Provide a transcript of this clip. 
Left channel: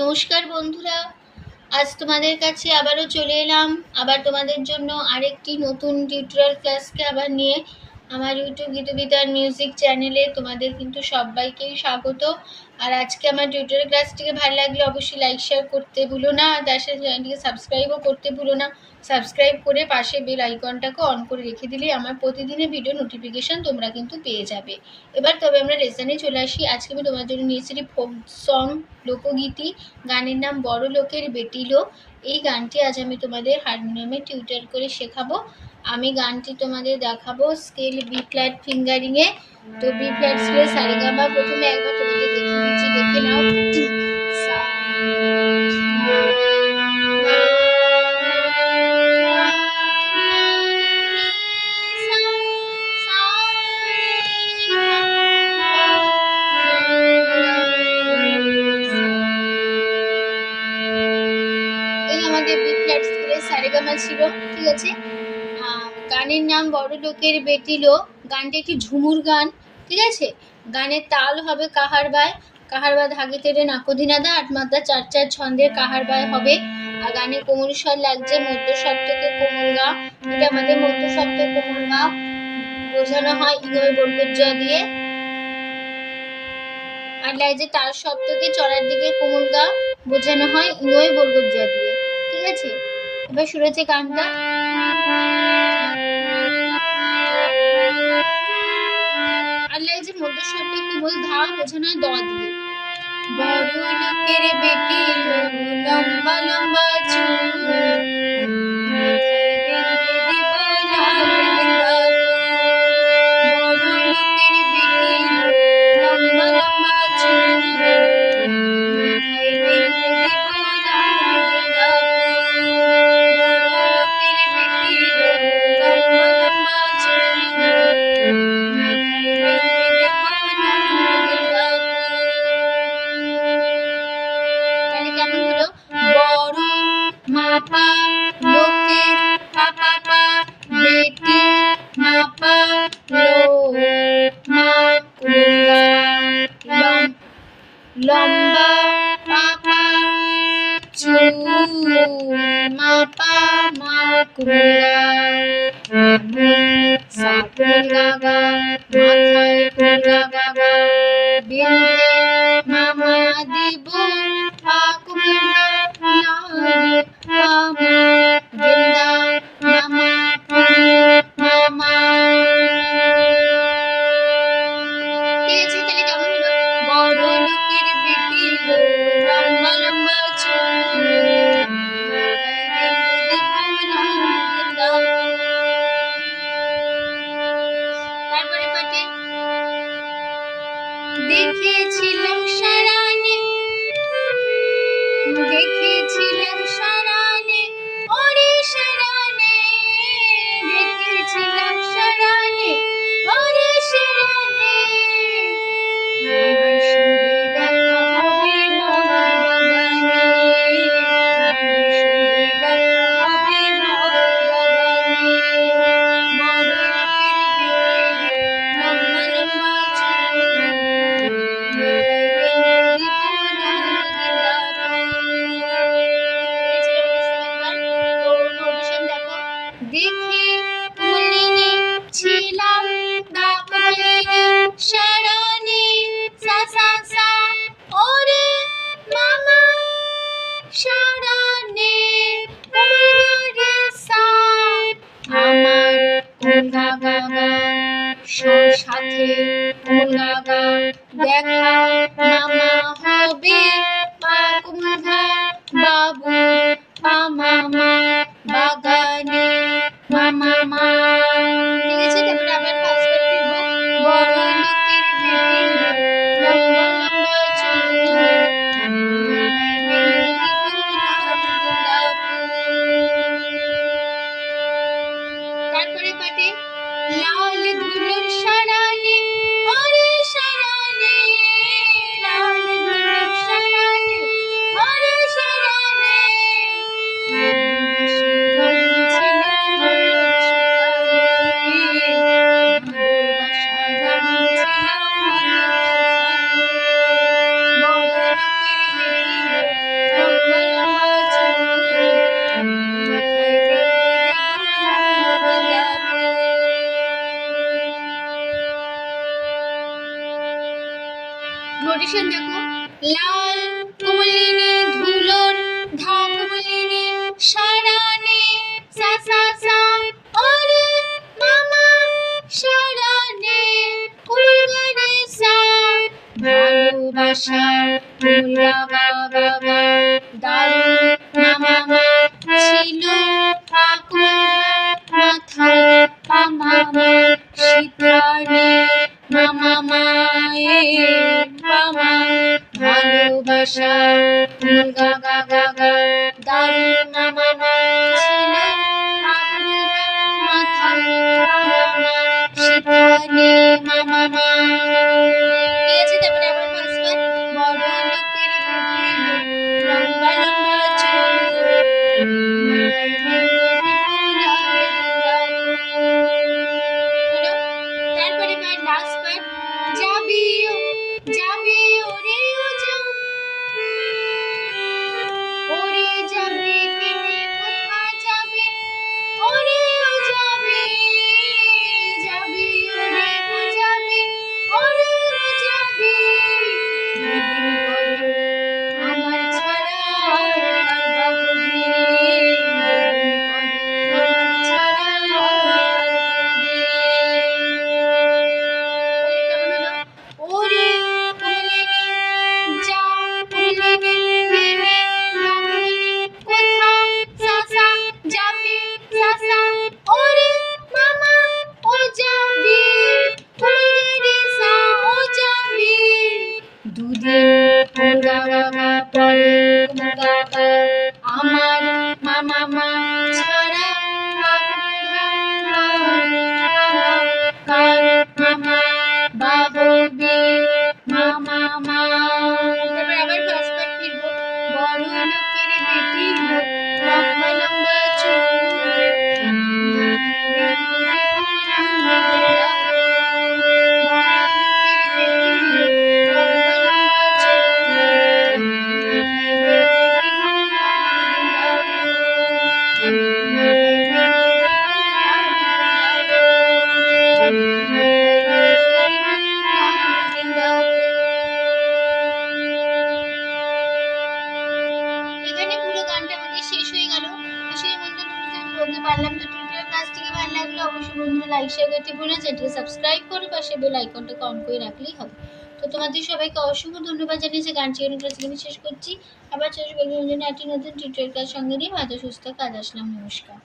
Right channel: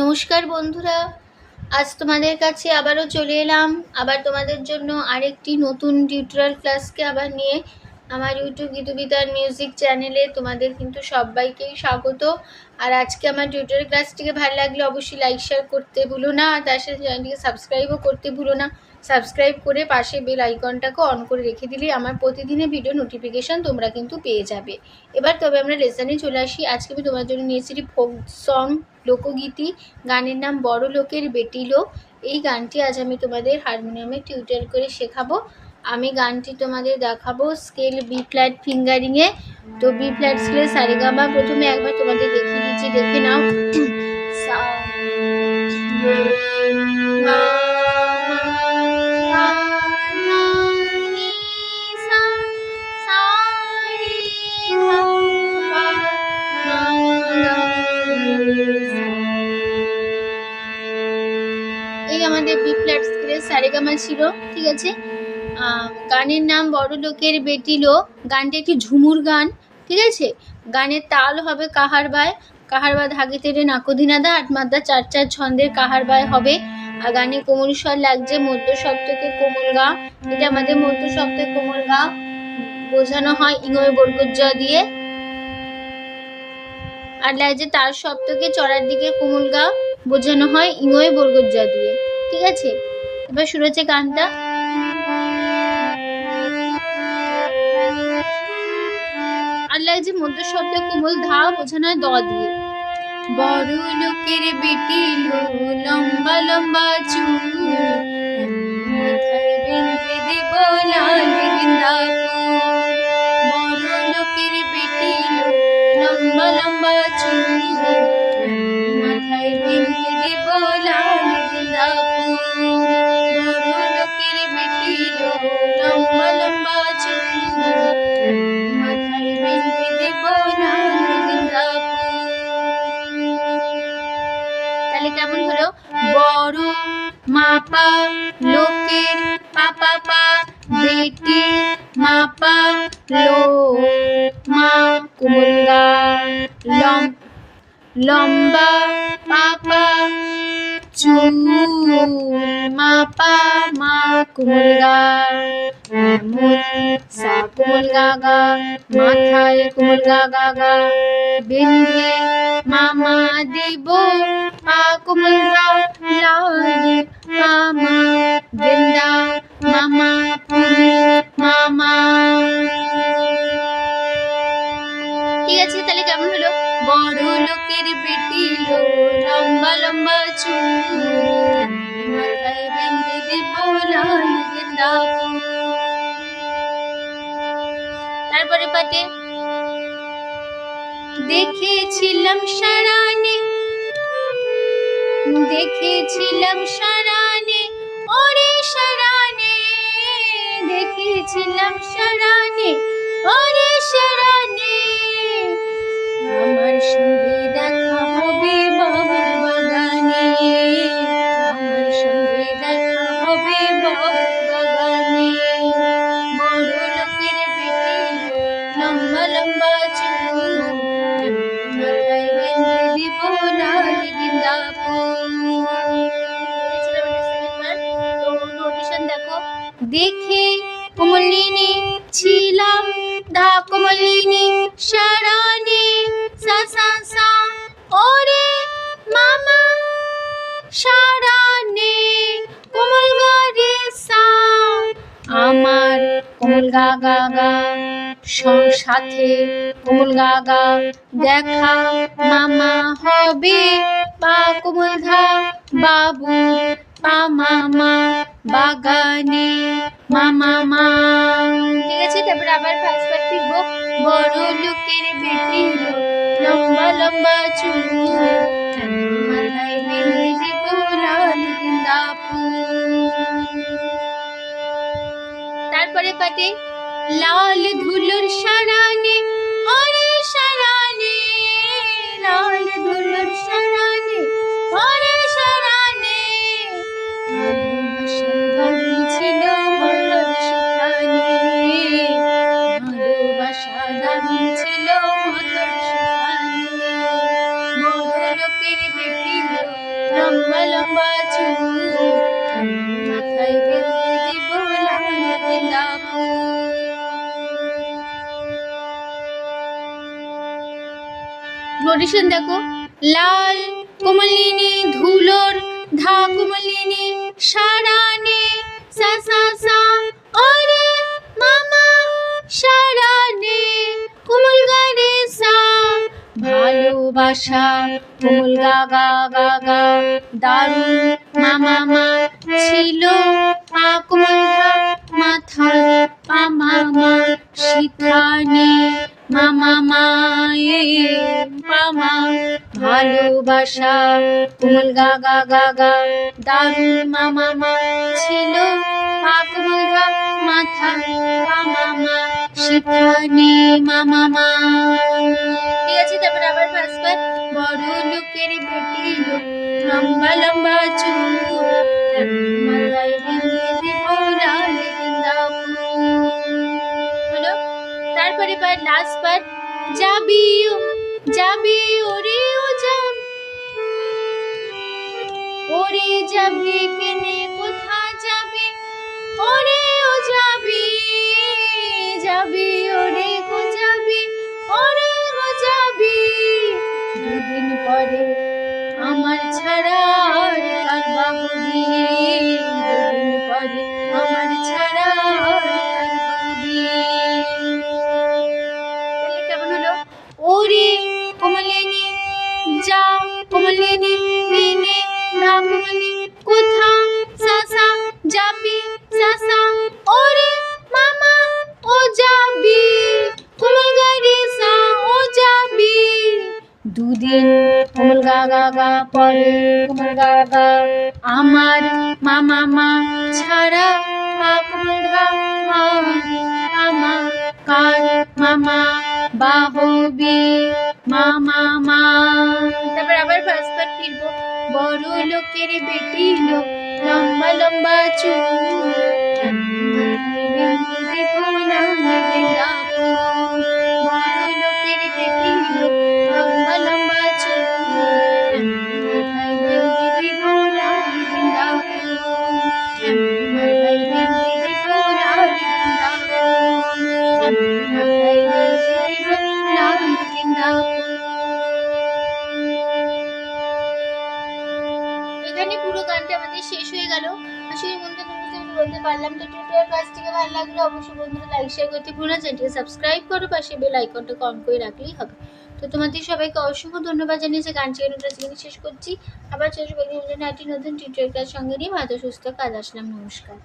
নমস্কার বন্ধুরা, আজ তোমাদের কাছে আবারও চলে এলাম আবার তোমাদের জন্য আরেকটি নতুন টিউটোরিয়াল ক্লাসকে আবার নিয়ে। আমার ইউটিউব গীতবিতান মিউজিক চ্যানেলে তোমাদের কিন্তু সবাইকেই স্বাগত। আর আজকে আমার টিউটোরিয়াল ক্লাসটিকে ভালো লাগলে অবশ্যই লাইক শেয়ার করতে ভুলো না, আর তার সাথে চ্যানেলটিকে সাবস্ক্রাইবও করতে ভুলো না। সাবস্ক্রাইব করে পাশে বেল আইকনটাকে অন করে রেখে দিলেই আমার প্রতিদিনের ভিডিও নোটিফিকেশান তোমরা কিন্তু পেয়ে যাবে। এবার তবে আমরা লেসনে চলে আসি। আজকে আমি তোমার জন্য নিয়েছি ফোক সং, লোকগীতি। গানের নাম বড় লোকের বেটি লোক। এই গানটি আজ আমি তোমাদের হারমোনিয়ামে টিউটার করে শেখাবো। আমি গানটি তোমাদের দেখাবো স্কেল বি ফ্ল্যাট ফিঙ্গারিংয়ে। তো বি ফ্ল্যাট স্কেল সারেগামা প্রথমে একবার তোমাদের দেখিয়ে দিচ্ছি, দেখে নাও। সারেগামা ছিল, ঠিক আছে। গানের নাম বড় লোকের বেটি লোক। গানটা একটি ঝুমুর গান, ঠিক আছে। গানের তাল হবে কাহার বায়। কাহার বা ধাগে তেরে নাকোধিনাদা 8 মাত্রা 4/4 ছন্দের কাহার বায় হবে। আর গানে কোমল স্বর লাগছে মধ্য সপ্তকে কোমল গা। এটা আমাদের মধ্য সপ্তক কোমল গা বোঝানো হয় ইঙয় বর্গজ দিয়ে। আর লাগছে তার সপ্তকে চড়ার দিকে কোমল গা বোঝানো হয় ইঙয় বর্গজ দিয়ে, ঠিক আছে। এবার শুরু হচ্ছে গানটা। আর লাগছে মধ্য শব্দে কোমল ধা বোঝানো হয় দ দিয়ে। বড় লোকের বেটি লম্বা লম্বা চুল, মাপা লোকের পাপা পা বেটি মাপা লো মা কোমলগা লম্বা পাপা চুল মাপা মা কোমলগা সা কোমলগা গা মাথায় কোমলগা গা গা বিন্ধে মামা দিব পা কোমলগা লাল মামা গেন্দা মামা মামা। ঠিক আছে, তাহলে কেমন হলো? বড় লোকের বেটি লম্বা লম্বা চুল, মাথায় বেঁধে দিব লাল গেন্দা। তারপরে পাটে দেখেছিলাম সারানে, দেখেছিলাম সারানে ওরে সারানে, দেখেছিলাম সারানে ওরে সারানে, আমার সঙ্গে দেখা হবে বাবার বাগানে, আমার সঙ্গে দেখা হবে বাবার বাগানে। বড় লোকের বেটি লম্বা লম্বা চুল, মাথায় বেঁধে দিব লাল গেন্দা ফুল। দেখে কোমলিনী ছিলাম দা কোমলিনী সারানি সা সা সা ওরে মামা সারানি কোমলগা রে সা, আমার কোমলগা গা গা সাথে কোমলগা গা দেখা মামা হবে পা কোমলগা বাবু পা মামা বাগানে মামা মা। ঠিক আছে, তারপর আবার ফার্স্ট পার্ট ফিরবো। বড় লোকের বেটি লম্বা লম্বা চুল, মাথায় বেঁধে দিব লাল গেন্দা ফুল। তারপরে পাটে লাল ধুলোর সারানে ওরে সারানে, লাল ধুলোর সারানে ওরে সারানে, ভালোবাসা দান ছিল নোটেশন দেখো, লাল কমলিনী ধুলোর ধা কমলিনী সারানে সা সা সা ওরে মামা সারানে কোমল গারে সা ভালোবাসা কোমল গা গা গা গা দারুণ মামা মা ছিল পা কোমল মাথায় পা মামা শিখানে মামা মায়ের মামা ভালোবাসা কোমল গা গা গা গা দারুণ মামা মা ছিল পা কোমল গা মাথায় পা মামা শিখানে মামা মা। ঠিক আছে, তারপরে আবার পাঁচবার। বড় লোকের বেটি লম্বা লম্বা চুল মাথায় বেঁধে পোড়ালে হলো। তারপরে লাস্ট পার্ট, যাবি ওরে ও যাব ওরে যাবি কেনে কোথা যাবি ওরে ও যাবি ওরে ও যাবি ওরে ও যাবি দুদিন পরে আমার ছাড়া আর কার বাবুদি দুদিন পরে আমার ছাড়া আর কার বাবুদি। কেমন হলো? ওরে কমলিনী যা কমলিনী মেনে না কমলিনী কোথা সা সা যাবি সা সা ওরে মামা ও যাবি কোমল গারে সা ও যাবি দুদিন কোমল গা গা গা পরে কোমল গা গা আমার মামা মা ছাড়া পা কোমল গা মামা কার মামা বাবুবি মামা মা। তারপর আবার ফার্স্ট পার্ট ফিরবো। বড় লোকের বেটি লোক লম্বা লম্বা চুল মাথায় বেঁধে পোড়ালে এখানে পুরো গানটা আমাদের শেষ হয়ে গেল। সেই বলতে বলতে পারলাম। তো টিউটোরিয়াল ক্লাসটিকে ভালো লাগলো অবশ্যই বন্ধুরা লাইক শেয়ার করতে ভুলো না, চ্যানেলটিকে সাবস্ক্রাইব করো, পাশে বেল আইকনটা কম করে রাখলেই হবে। তো তোমাদের সবাইকে অসংখ্য ধন্যবাদ জানিয়ে যে গান শেখানোর ক্লাস এখানে শেষ করছি। আবার চেষ্টা করবো একটি নতুন টিউটোরিয়াল ক্লাস সঙ্গে নিয়ে ভালো সুস্থ কাজ আসলাম। নমস্কার।